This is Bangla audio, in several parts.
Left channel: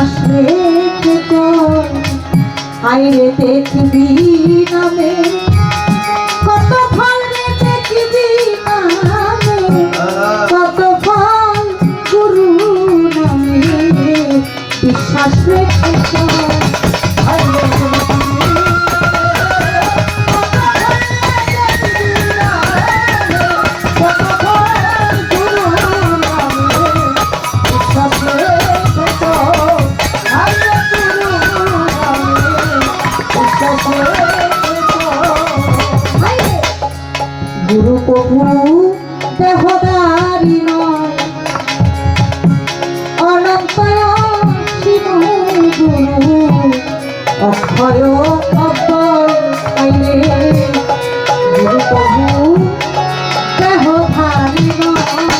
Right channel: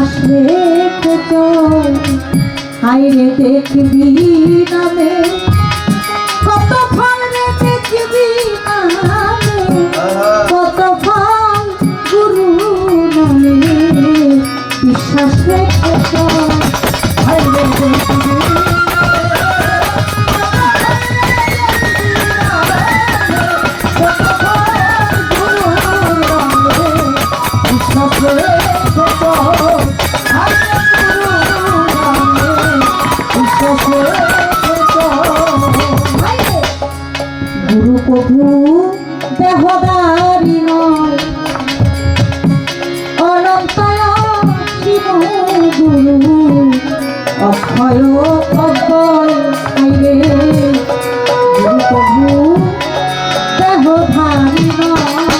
বিশ্বাস রেখে চল আইরে দেখবি নামে কত ফল দেখবি নামে কত ফল গুরু নামে। বিশ্বাস রেখে চল প্রভু দেহদারি নয়। অনন্তয় শিব গুরু অক্ষয় অক্ষয় আইলে গুরু দেহধারী নয়।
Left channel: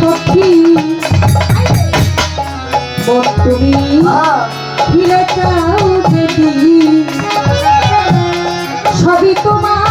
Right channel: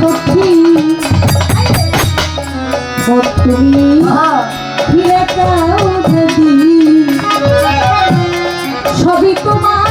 মন তুমি ফিরে যাও দেবী সবই তোমার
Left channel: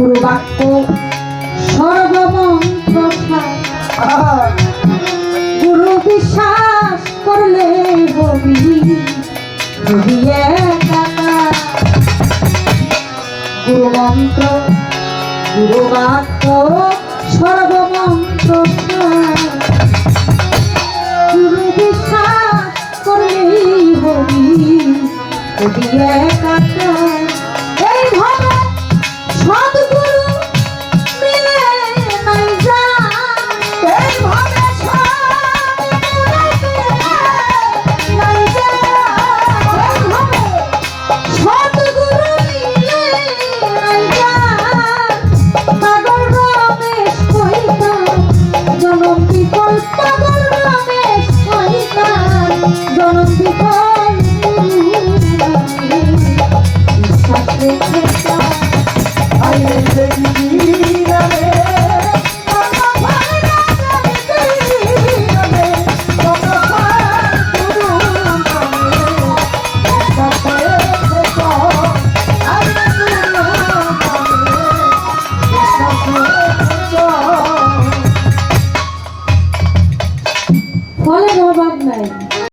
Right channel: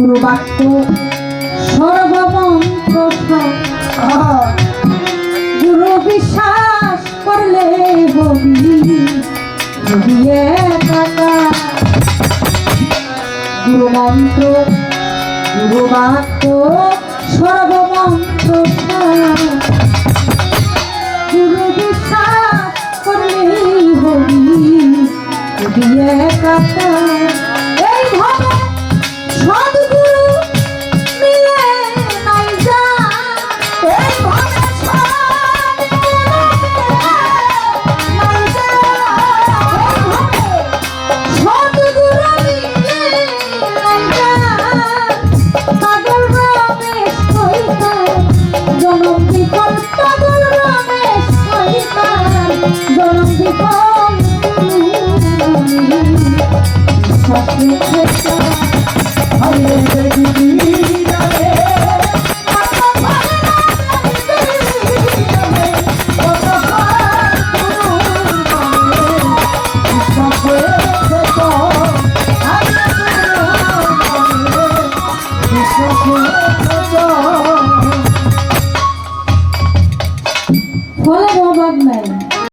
গুরু বাক্য সর্বমন্ত্র বিশ্বাস করলে হবি হবি একা গুরু মন্ত্র গুরু বাক্য সর্বমন্ত্র গুরু বিশ্বাস জনম বিপল পাগল মনে সইবার জনম বিপল বিশ্বাস রেখে আরে